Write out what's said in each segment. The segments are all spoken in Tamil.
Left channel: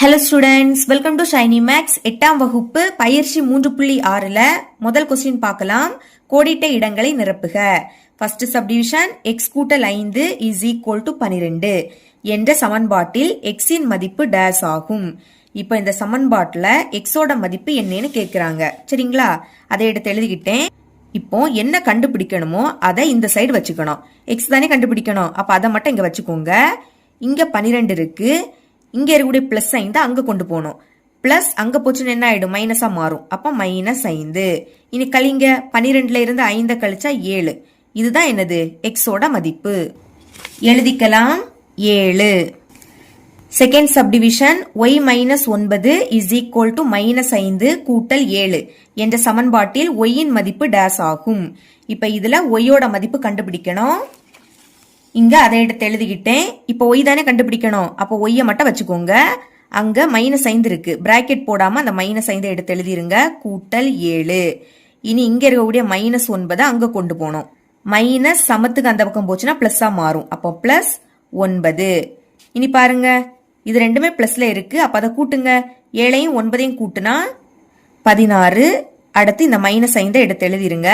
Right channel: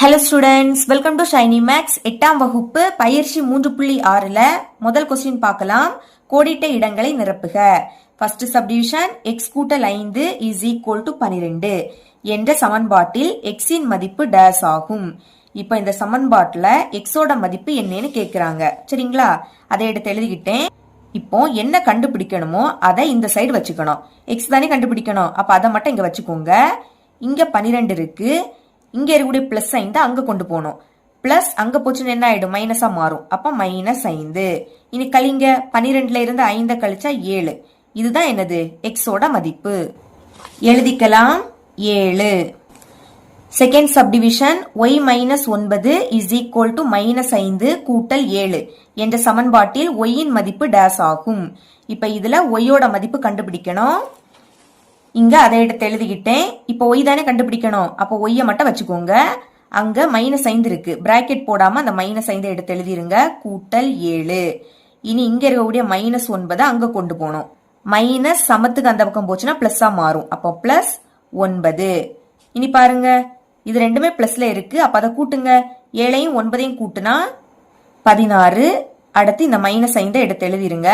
Hello students, welcome to Shiny Max. 8ஆம் வகுப்பு பயிற்சி 3.6ல முதல் கொஸ்டின் பார்க்கலாம். கோடிட்ட இடங்களை நிரப்புக. ஃபர்ஸ்ட் சப்டிவிஷன் எக்ஸ் கூட்டல் 5 இஸ் ஈக்குவல் டு 12 என்ற சமன்பாட்டில் எக்ஸின் மதிப்பு டேஸ் ஆகும். இப்போ இந்த சமன்பாட்டில் எக்ஸோட மதிப்பு என்னன்னு கேட்குறாங்க. சரிங்களா, அதை எடுத்து எழுதிக்கிட்டேன். இப்போ என்ன கண்டுபிடிக்கணுமோ அதை இந்த சைடு வச்சுக்கணும். எக்ஸ் தானே கண்டுபிடிக்கணும், அப்போ அதை மட்டும் இங்கே வச்சுக்கோங்க. இங்கே 12 இருக்கு, இங்க இருக்கக்கூடிய பிளஸ் 5 அங்க கொண்டு போகணும். பிளஸ் அங்க போச்சுன்னு என்ன ஆயிடும், மைனஸா மாறும். அப்ப -5. இனி கழிங்க, 12ல இருந்து 5 கழிச்சா 7. இதுதான் என்னது, எக்ஸோட மதிப்பு. எழுதிக்கலாம் 7. Second subdivision y -9 is equal to -5 கூட்டல் 7 என்ற சமன்பாட்டில் y இன் மதிப்பு டேஸ் ஆகும். இப்ப இதுல y ஓட மதிப்பு கண்டுபிடிக்கணும். இங்க அதை எடுத்து எழுதிக்கிட்டேன். இப்போ ஒய் தானே கண்டுபிடிக்கணும், அப்போ ஒய்யை மட்டும் வச்சுக்கோங்க. அங்க -5 இருக்கு, பிராக்கெட் போடாம அந்த -5 எடுத்து எழுதிருங்க. கூட்டல் 7. இனி இங்க இருக்கக்கூடிய -9 அங்க கொண்டு போகணும். மைனஸ் சமத்துக்கு அந்த பக்கம் போச்சுன்னா பிளஸ்ஸா மாறும். அப்போ +9. இனி பாருங்க, இது ரெண்டுமே பிளஸ்ல இருக்கு, அப்ப அதை கூட்டுங்க. 7ஐயும் 9ஐயும் கூட்டுனா 16. அடுத்து இந்த -5 எடுத்து எழுதிருங்க.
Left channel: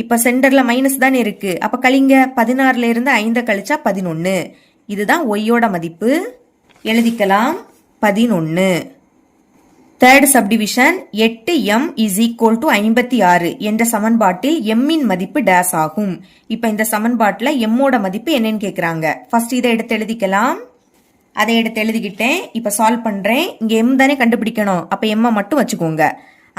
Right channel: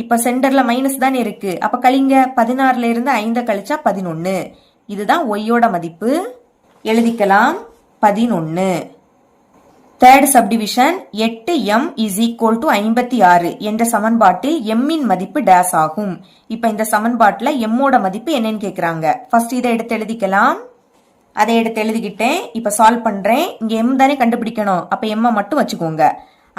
இப்ப சென்டர்ல மைனஸ் தானே இருக்கு, அப்ப கழிங்க. 16ல இருந்து 5 கழிச்சா 11. இதுதான் ஒய்யோட மதிப்பு. எழுதிக்கலாம் 11. Third subdivision 8m is equal to 56 என்ற சமன்பாட்டில் m இன் மதிப்பு டேஸ் ஆகும். இப்ப இந்த சமன்பாட்டில் m ஓட மதிப்பு என்னன்னு கேக்குறாங்க. ஃபர்ஸ்ட் இதை எடுத்து எழுதிக்கலாம். அதை எடுத்து எழுதிக்கிட்டேன். இப்ப சால்வ் பண்றேன். இங்க m தானே கண்டுபிடிக்கணும், அப்ப m மட்டும் வச்சுக்கோங்க.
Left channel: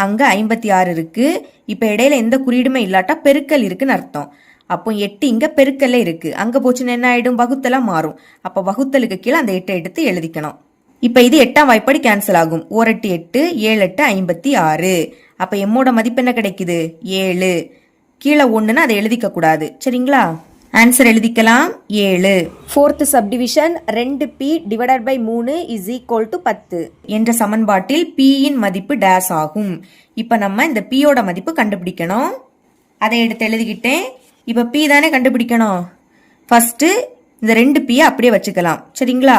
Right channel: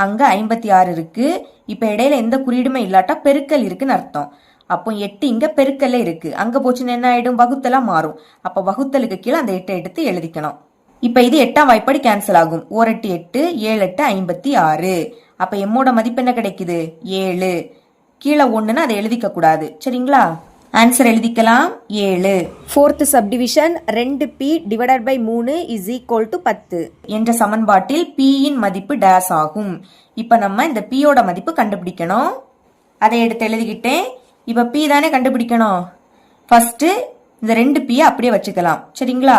அங்க 56 இருக்கு. இப்ப இடையில எந்த குறியீடுமே இல்லாட்டா பெருக்கல் இருக்குன்னு அர்த்தம். அப்போ 8 இங்க பெருக்கல்ல இருக்கு, அங்க போச்சுன்னு என்ன ஆயிடும், வகுத்தலா மாறும். அப்ப வகுத்தலுக்கு கீழே அந்த 8 எடுத்து எழுதிக்கணும். இப்ப இது 8ஆம் வாய்ப்பாடு கேன்சல் ஆகும். 1 8 8, 7 8 56. அப்ப எம்மோட மதிப்பு என்ன கிடைக்குது, 7. கீழே 1ன்னு அதை எழுதிக்க கூடாது. சரிங்களா, ஆன்சர் எழுதிக்கலாம் 7. Fourth subdivision 2p divided by 3 is equal to 10 என்ற சமன்பாட்டில் p இன் மதிப்பு டேஸ் ஆகும். இப்ப நம்ம இந்த p யோட மதிப்பு கண்டுபிடிக்கணும். அதை எடுத்து எழுதிக்கிட்டேன். இப்ப p தானே கண்டுபிடிக்கணும். ஃபர்ஸ்ட் இந்த 2p அப்படியே வச்சுக்கலாம். சரிங்களா,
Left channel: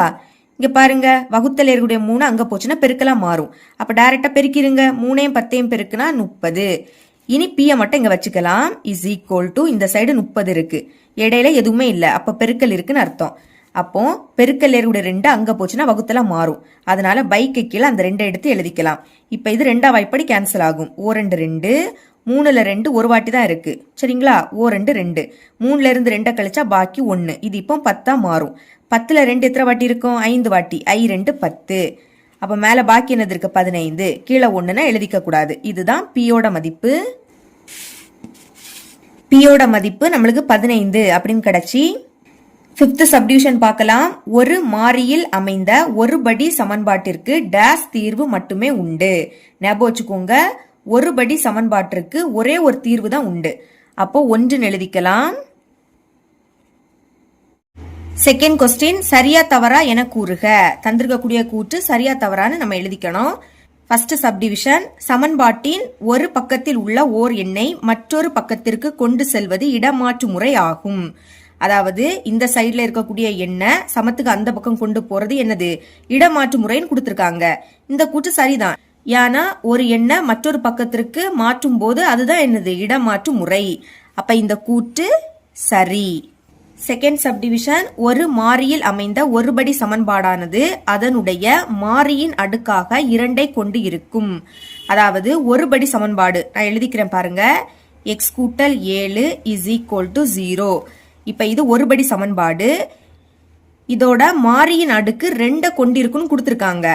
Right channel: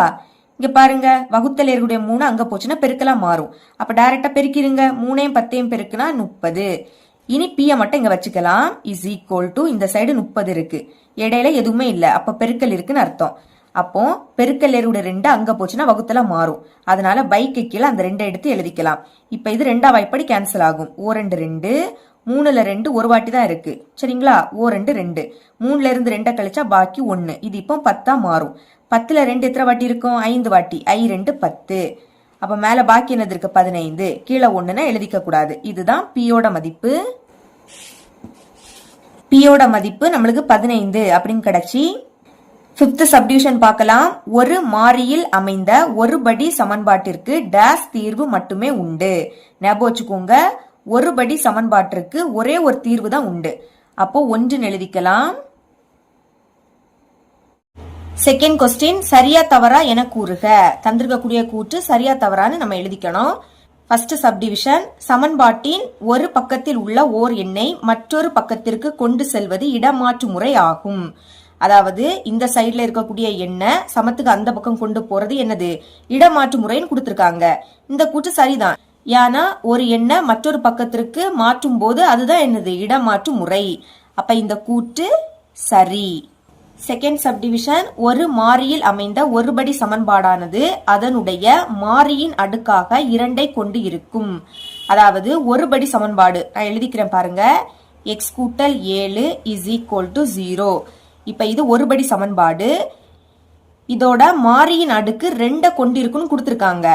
இங்க பாருங்க, வகுத்தல் இருக்கக்கூடிய 3 அங்க போச்சுன்னா பெருக்கலாம் மாறும். அப்ப டைரக்டா பெருக்கிருங்க. 3ஐயும் 10ஐயும் பெருக்குனா 30. இனி p மட்டும் இங்க வச்சுக்கலாம். இஸ் ஈக்குவல் டு இந்த சைடு 30 இருக்கு, இடையில எதுவுமே இல்ல, அப்ப பெருக்கல் இருக்குன்னு அர்த்தம். அப்போ பெருக்கல் இருக்கக்கூடிய 2 அங்க போச்சுன்னா வகுத்தலா மாறும். அதனால பைக்கு கீழே அந்த 2 எடுத்து எழுதிக்கலாம். இப்ப இது 2ஆம் வாய்ப்பாடு கேன்சல் ஆகும். 2 2, 3ல 2 ஒரு வாட்டி தான் இருக்கு. சரிங்களா, 2 2, 3ல இருந்து 2 கழிச்சா பாக்கி 1. இது இப்போ 10ஆ மாறும். 10ல 2 எத்தனை வாட்டி இருக்கும், 5 வாட்டி. I 2 10. அப்ப மேல பாக்கி என்னது இருக்கு, 15. கீழே 1ன்னு எழுதிக்க கூடாது. இதுதான் பியோட மதிப்பு. பியோட மதிப்பு நம்மளுக்கு 15 அப்படின்னு கிடைச்சி. ஃபிஃப்த் சப்டிவிஷன் பார்க்கலாம். ஒரு மாறியில் அமைந்த ஒருபடி சமன்பாட்டிற்கு டேஸ் தீர்வு மட்டுமே உண்டு. ஞாபகம் வச்சுக்கோங்க, ஒருபடி சமன்பாட்டிற்கு ஒரே ஒரு தீர்வு தான் உண்டு. அப்போ 1ன்னு எழுதிக்கலாம். செகண்ட் கொஸ்டின், சரியா தவறா என கூறுக. தந்திருக்கக்கூடிய கூற்று சரியா தவறான்னு நம்ம எழுதிக்கணும். ஃபர்ஸ்ட் சப்டிவிஷன் சமன்பாட்டின் ஒரு பக்கத்தில் உள்ள ஓர் எண்ணை மற்றொரு பக்கத்திற்கு கொண்டு செல்வது இடமாற்று முறை ஆகும். அதாவது இந்த சைட்ல இருக்கக்கூடிய எண்ணை சமத்துக்கு அந்த பக்கம் கொண்டு போறது என்னது, இடமாற்று முறைன்னு கொடுத்திருக்காங்க. இந்த கூற்று சரிதான். ஏன்னா ஒரு எண்ணை மற்றொரு பக்கத்திற்கு மாற்றும் போது அதுதான் என்னது, இடமாற்று முறை. அப்ப இந்த கூற்று சரி. செகண்ட் சப்டிவிஷன் ஒரு மாறியில் அமைந்த ஒருபடி சமன்பாடானது அதனுடைய மாறியின் அடுக்காக 2ஐ கொண்டு இருக்கும். அதாவது ஒருபடி சமன்பாடு நான் எழுதிக்கிறேன் பாருங்க. எக்ஸ் கூட்டல் 7 இஸ் ஈக்குவல் டு 0. இப்ப இது ஒருபடி சமன்பாடு. இதோட மாறியின் அடுக்கு 2 கொண்டு இருக்குன்னு கொடுத்துருக்காங்க.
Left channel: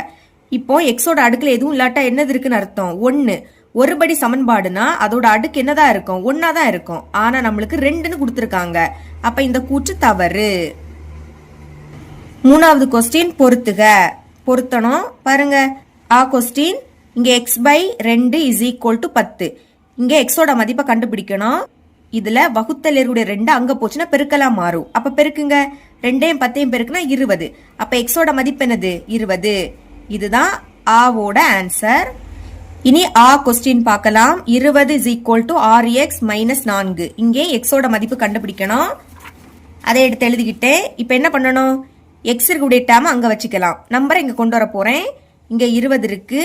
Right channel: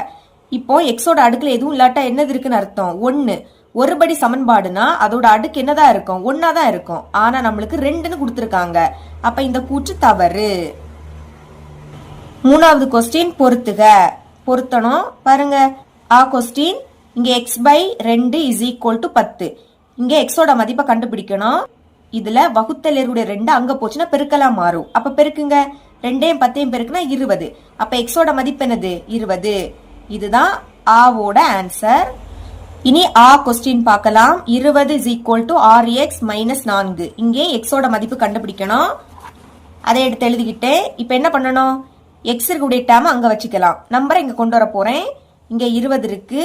இப்போ எக்ஸோட அடுக்குல எதுவும் இல்லாட்டா என்னது இருக்குன்னு அர்த்தம், 1. ஒருபடி சமன்பாடுனா அதோட அடுக்கு என்னதான் இருக்கும், 1 தான் இருக்கும். ஆனா நம்மளுக்கு 2ன்னு கொடுத்துருக்காங்க. அப்ப இந்த கூற்று தவறு. மூணாவது கொஸ்டின் பொருத்துக. பொருத்தணும் பாருங்க. கொஸ்டின் இங்க x/2 இஸ் ஈக்குவல் டு 10. இங்க எக்ஸோட மதிப்பை கண்டுபிடிக்கணும். இதுல வகுத்தல் இருக்கக்கூடிய 2 அங்க போச்சுன்னா பெருக்கலாம் மாறும். அப்ப பெருக்குங்க. 2ஐயும் 10ஐயும் பெருக்குனா 20. அப்ப எக்ஸோட மதிப்பு என்னது, 20. இதுதான் ஆவோட ஆன்சர். இனி கொஸ்டின் பார்க்கலாம். 20 இஸ் ஈக்குவல் டு 6x - 4. இங்கே எக்ஸோட மதிப்பு கண்டுபிடிக்கணும். அதை எடுத்து எழுதிக்கிட்டே. இப்ப என்ன பண்ணணும், எக்ஸ் இருக்கக்கூடிய டேம் அங்க வச்சுக்கலாம். நம்பரை இங்க கொண்டு வர போறேன். இங்க 20 இருக்கு,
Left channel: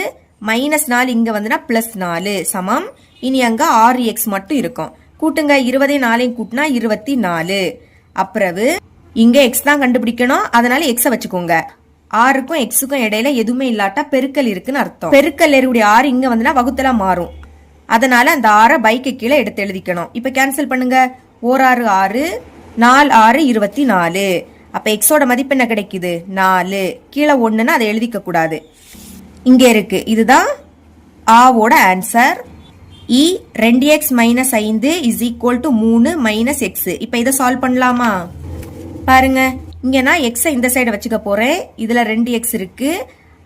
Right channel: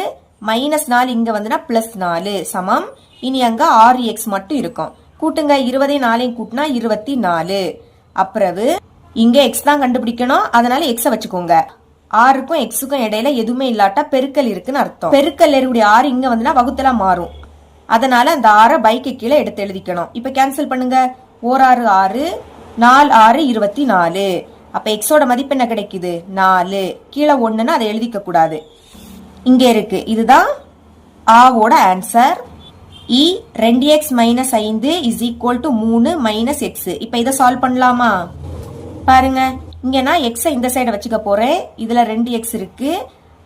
-4 இங்க வந்துனா +4 சமம். இனி அங்க 6x மட்டும் இருக்கும். கூட்டுங்க, 20 4 கூட்டினா 24. அப்புறவு இங்க x தான் கண்டுபிடிக்கணும், அதனால x வச்சுக்கோங்க. 6க்கும் xக்கும் இடையில எதுவுமே இல்லாட்டா பெருக்கல் இருக்குன்னு அர்த்தம். பெருக்கல் இருக்கக்கூடிய 6 இங்க வந்துனா வகுத்தலா மாறும். அதனால அந்த 6 பைக்கு கீழே எடுத்து எழுதிக்கணும். இப்ப கேன்சல் பண்ணுங்க. 1 6 6, 4 6 24. அப்ப எக்ஸோட மதிப்பு என்ன கிடைக்குது? 4. கீழே 1ன்னு அதை எழுதிக்க கூடாது, இங்க இருக்கு. இதுதான் ஆவோட ஆன்சர். இ 2x - 5 = 3 - x. இப்ப இதை சால்வ் பண்ணலாமா? பாருங்க, இங்க நான் x இந்த சைடு வச்சுக்க போறேன். இதுல 2x இருக்கு.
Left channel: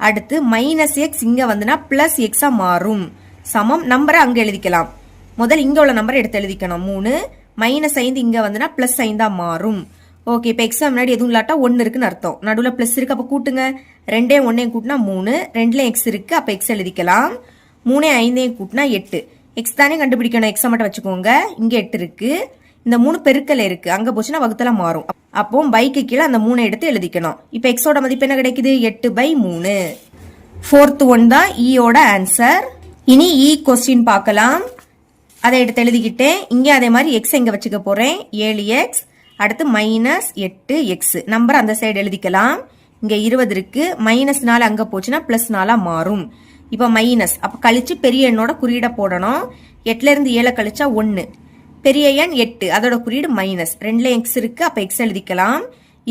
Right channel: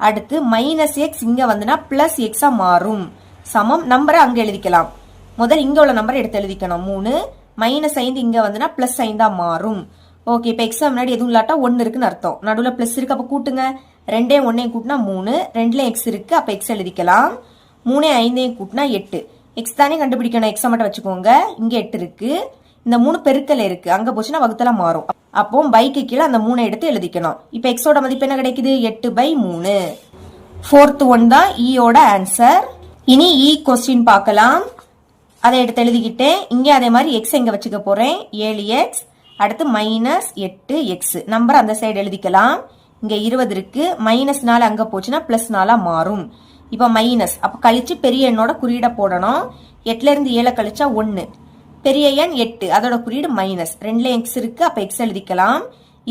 அடுத்து -x இங்க வந்துனா +x மாறும். சமம். நம்பரை அங்க எழுதிக்கலாம். முதல் இங்க உள்ள நம்பரை எடுத்து எழுதிக்கணும். 3 -5 இங்க வந்துனா +5 மாறும். ஓகே, இப்ப x முன்னாடி எதுவும் இல்லாட்டா 1 இருக்குன்னு அர்த்தம். நடுவுல பிளஸ் இருக்கு, அப்ப கூட்டுங்க. 2 1 கூட்டினா 3, 2ல x இருக்கு, அப்ப x எழுதிக்கலாம். 3 5 கூட்டினா 8. x தானே கண்டுபிடிக்கணும், x மட்டும் வச்சுக்கோங்க. இங்க 8 இருக்கு, இந்த 3 பெருக்கல் இருக்கு, அங்க போச்சுன்னா வகுத்தல மாறும். அப்போ பைக்கு கீழே அந்த 3 எடுத்து எழுதிக்கணும். இப்ப எக்ஸோட மதிப்பு என்ன கிடைக்குது? 8/3. 4th ஒன் தான் ஈயோட ஆன்சர். இனி இ கொஸ்டின் பார்க்கலாம். அதை எடுத்து எழுதிக்கிட்டேன். இங்க அதே மாதிரி எக்ஸ் எங்க வச்சுக்க போறேன்? 7x. அடுத்து -8x. நம்பர் அந்த சைடு எழுதிக்கலாம். இங்க 20 இருக்கு, -4 அங்க போச்சுன்னா +4 மாறும். இப்ப மைனஸ், அப்ப கழிச்சு பெரிய எண்ணோட குறியீட போடணும். 8ல இருந்து 7 கழிச்சா 1. பெரிய எண் 8, அதோட குறியீடு மைனஸ். 2ல x இருக்கு, அப்ப x எழுதிக்கலாம்.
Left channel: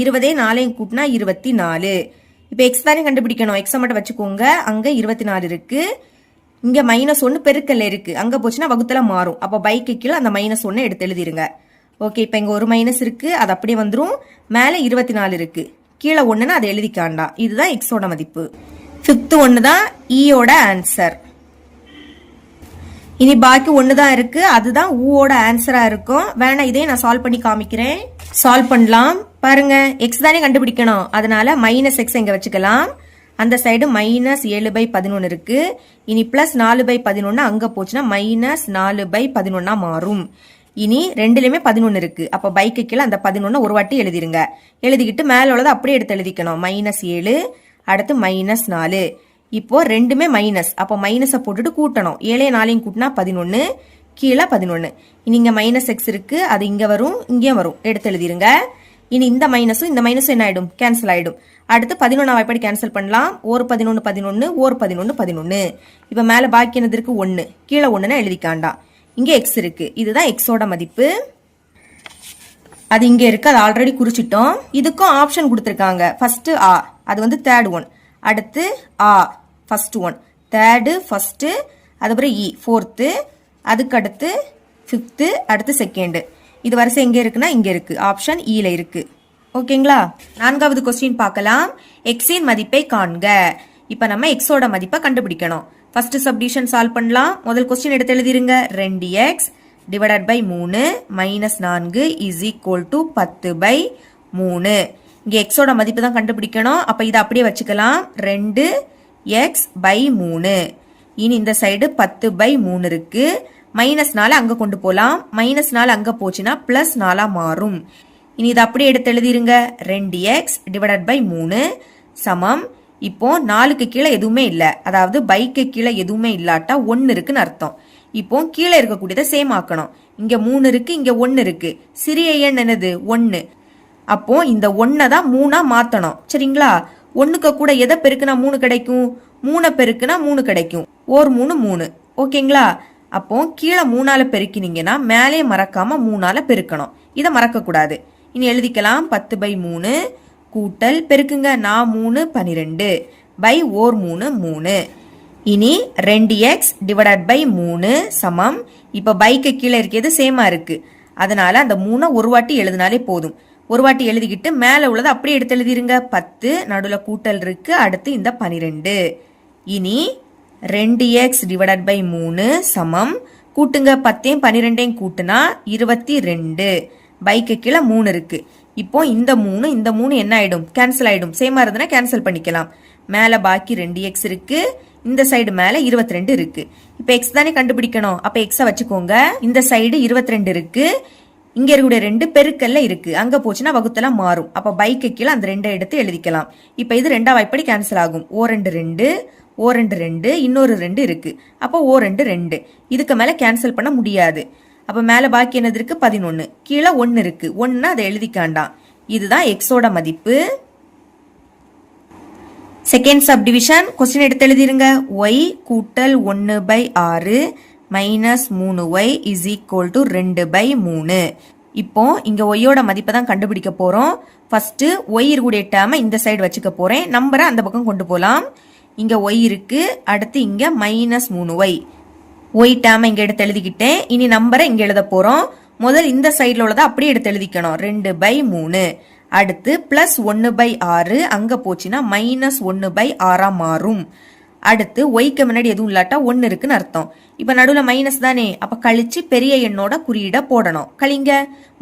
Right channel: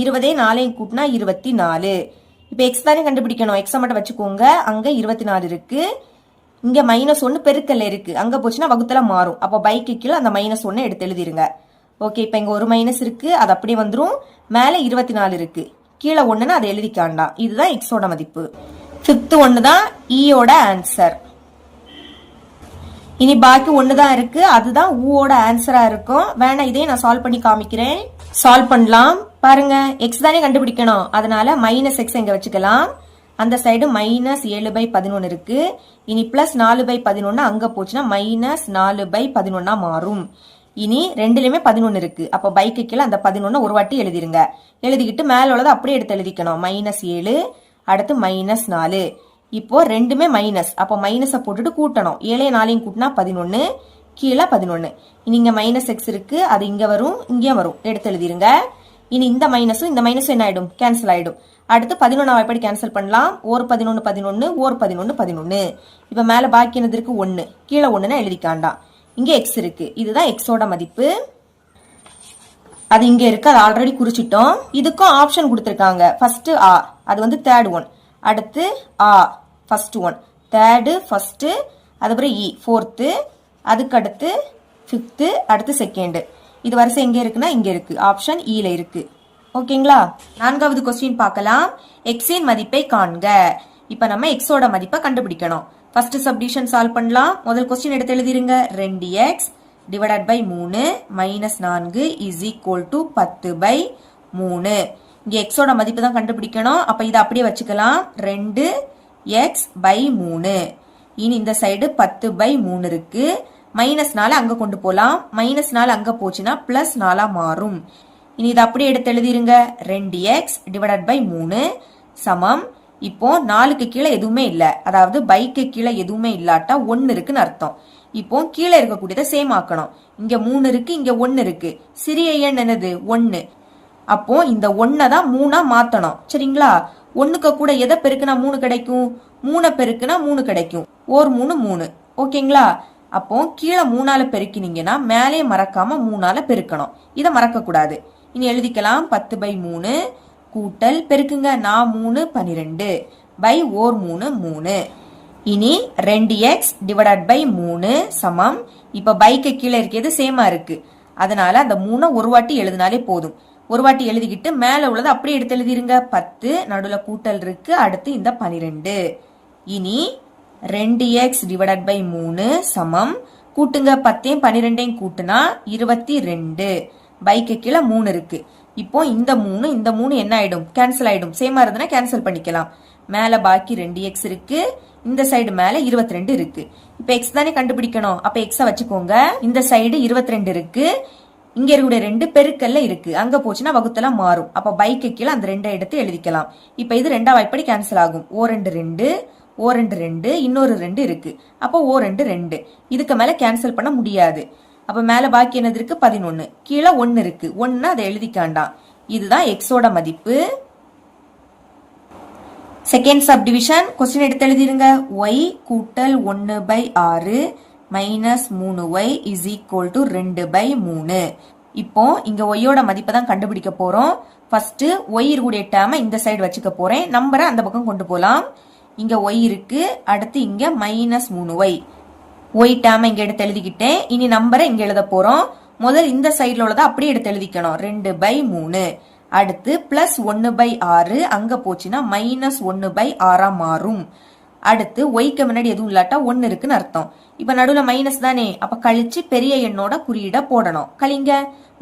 20 4 கூட்டினா 24. இப்ப x தானே கண்டுபிடிக்கணும், x மட்டும் வச்சுக்கோங்க. அங்க 24 இருக்கு, இங்க -1 பெருக்கல்ல இருக்கு, அங்க போச்சுன்னா வகுத்தல மாறும். அப்ப பைக்கு கீழே அந்த -1 எடுத்து எழுதிருங்க. ஓகே, இப்ப இங்க ஒரு மைனஸ் இருக்கு, அது அப்படியே வந்துரும். மேல 24 இருக்கு, கீழே 1ன்னு அதை எழுதிக்காண்டா. இதுதான் எக்ஸோட மதிப்பு. 5th ஒன்னு தான் ஈயோட ஆன்சர். இனி பாக்கி 1 தான் இருக்கு, அதுதான் ஊவோட ஆன்சரா இருக்கும். வேணா இதே நான் சால்வ் பண்ணி காமிக்கிறேன். சால்வ் பண்ணலாம். பாருங்க, எக்ஸ் தானே கண்டுபிடிக்கணும், அதனால -x இங்க வச்சுக்கலாம். அந்த சைடு -7/11 இருக்கு. இனி +4/11 அங்க போச்சுன்னா -4/11 மாறும். இனி ரெண்டுலயுமே 11 இருக்கு, அப்ப பைக்கு கீழே அந்த 11 ஒரு வாட்டி எழுதிருங்க. எழுதிக்கிட்டு மேல உள்ளதை அப்படியே எடுத்து எழுதிக்கணும். -7, அடுத்து -4. இப்போ ரெண்டுமே மைனஸ், அப்ப மைனஸை போட்டுட்டு கூட்டணும். 7 4 கூட்டினா 11, கீழே 11. இனி இங்க -x இருக்கு, அது இங்க வரும், இங்கேயும் வரும், எடுத்து எழுதிருங்க. இனி இந்த மைனஸும் இந்த மைனஸும் என்ன ஆயிடும்? கேன்சல் ஆயிடும். அடுத்து 11 எப்படி கேன்சல் பண்ணலாம்? ஒரு 11 11, ஒரு 11 11. இப்ப மேல பாக்கி என்னது இருக்கு? 1, கீழே 1ன்னு எழுதிக்காண்டாம். இங்க x இருக்கு, இதுதான் எக்ஸோட மதிப்பு. அது இங்க இருக்கு, அது ஆல்ரெடி குறிச்சிட்டோம். இதுக்கும் ஆப்ஷன் கொடுத்திருக்காங்க. ஃபர்ஸ்ட் ஆ, அது வந்து தேர்ட் ஒன். அடுத்து ஆ, ஃபர்ஸ்ட் ஒன். தேர்டு ஃபர்ஸ்ட், அதுக்கப்புறம் இ ஃபோர்த்து, அதுக்கு அடுத்து ஃபிஃப்த்து, அடுத்து செகண்ட். இது வரிசை எங்க இருக்குன்னா இங்க இருக்கு, ஆப்ஷன் ஈல இருக்கு. ஓகேங்களா? 4வது கொஸ்டின் பார்க்கலாம். எக்ஸின் மதிப்பை காண்க. இப்ப நம்ம எக்ஸோட மதிப்பை கண்டுபிடிக்கணும். ஃபர்ஸ்ட் சப்டிவிஷன் சால்வ் பண்ணலாம். முதல் கொஸ்டின் எடுத்து எழுதிருங்க. 2x divided by 3 -4 is equal to 10/3. இங்க எக்ஸோட மதிப்பு தான் கண்டுபிடிக்கணும். அப்ப இதை அப்படியே வச்சுக்கலாம். 2x/3. இனி இந்த சைடு 10/3 இருக்கு. -4 அங்க கொண்டு போலாம். -4 அங்க போச்சுன்னா +4 மாறும். இனி இதை அப்படியே எடுத்து எழுதிருங்க. 2x டிவைடட் பை 3 சமம். இப்போ 4க்கு கீழே எதுவுமே இல்ல, அதாவது பைக்கு கீழே எதுவுமே இல்லாட்டா 1 இருக்குன்னு அர்த்தம். இப்போ கீழே இருக்கக்கூடியதை சேம் ஆக்கணும். இங்க 3 இருக்கு, இங்க 1 இருக்கு. சிறிய எண் என்னது? 1. அப்போ இந்த 1 தான் 3 மாத்தணும். சரிங்களா? 1க்கு கூட எதை பெருக்குனா 3 கிடைக்கும்? 3 பெருக்குனா 3 கிடைக்கும். 1 3 3. ஓகேங்களா? அப்போ கீழே 3ஆல பெருக்கினீங்கன்னா மேலே மறக்காம 3ஆல பெருக்கணும். இதை மறக்க கூடாது. இனி எழுதிக்கலாம். 10/3 கூட்டல் பெருக்குங்க. 4 3 12 பை 1 3 3. இனி 2x டிவைடட் பை 3 சமம். இப்ப பைக்கு கீழே இருக்கிறது சேமா இருக்கு, அதனால அந்த 3 ஒரு வாட்டி எழுதினாலே போதும். ஒரு வாட்டி எழுதிக்கிட்டு மேல உள்ளதை அப்படியே எடுத்து எழுதிருங்க. 10 நடுவுல கூட்டல் இருக்கு, அடுத்து இந்த 12. இனி 2x டிவைடட் பை 3 சமம். கூட்டுங்க. 10 12 கூட்டுனா 22. பைக்கு கீழே 3 இருக்கு. இப்போ இந்த 3 என்ன ஆயிடும்? கேன்சல் ஆயிடும். சேமா இருந்தனா கேன்சல் பண்ணிக்கலாம். மேல பாக்கி 2x இருக்கு, இந்த சைடு மேல 22 இருக்கு. இப்ப x தானே கண்டுபிடிக்கணும், அப்ப x வச்சுக்கோங்க. இந்த சைடு 22 இருக்கு, இங்க இருக்கக்கூடிய 2 பெருக்கல்ல இருக்கு, அங்க போச்சுன்னா வகுத்தல மாறும். அப்ப பைக்கு கீழே அந்த 2 எடுத்து எழுதிக்கலாம். இப்ப இது 2ஆம் வாய்ப்படி கேன்சல் ஆகும். ஓ 2 2, ஓ 2 2, இன்னொரு 2 இருக்கு. அப்போ ஓ 2 2. இதுக்கு மேல கேன்சல் பண்ண முடியாது. அப்ப மேல பாக்கி என்னது இருக்கு? 11. கீழே 1 இருக்கு. 1 அதை எழுதிக்காண்டாம். இதுதான் எக்ஸோட மதிப்பு. செகண்ட் சப்டிவிஷன் கொஸ்டின் எடுத்து எழுதிருங்க. y கூட்டல் 1/6 minus 3y is equal to 2/3. இப்போ இங்க ஒய்யோட மதிப்பை தான் கண்டுபிடிக்க போறோம். ஃபர்ஸ்ட் ஒய் இருக்கக்கூடிய டேர்மை இந்த சைடு வச்சுக்க போறேன். நம்பரை அந்த பக்கம் கொண்டு போலாம். இங்க ஒய் இருக்கு, அடுத்து இங்க மைனஸ் 3y. ஒய் டேர்மை இங்க எடுத்து எழுதிக்கிட்டேன். இனி நம்பரை இங்க எழுத போறோம். முதல் இந்த சைட்ல உள்ளதை அப்படியே எடுத்து எழுதிக்கணும். 2/3. அடுத்து பிளஸ் 1/6 அங்க போச்சுன்னா மைனஸ் 1/6 மாறும். அடுத்து ஒய்க்கு முன்னாடி எதுவும் இல்லாட்டா 1 இருக்குன்னு அர்த்தம். இப்ப நடுவுல மைனஸ் தானே, அப்ப கழிச்சு பெரிய எண்ணோட குறியீட போடணும். கழிங்க.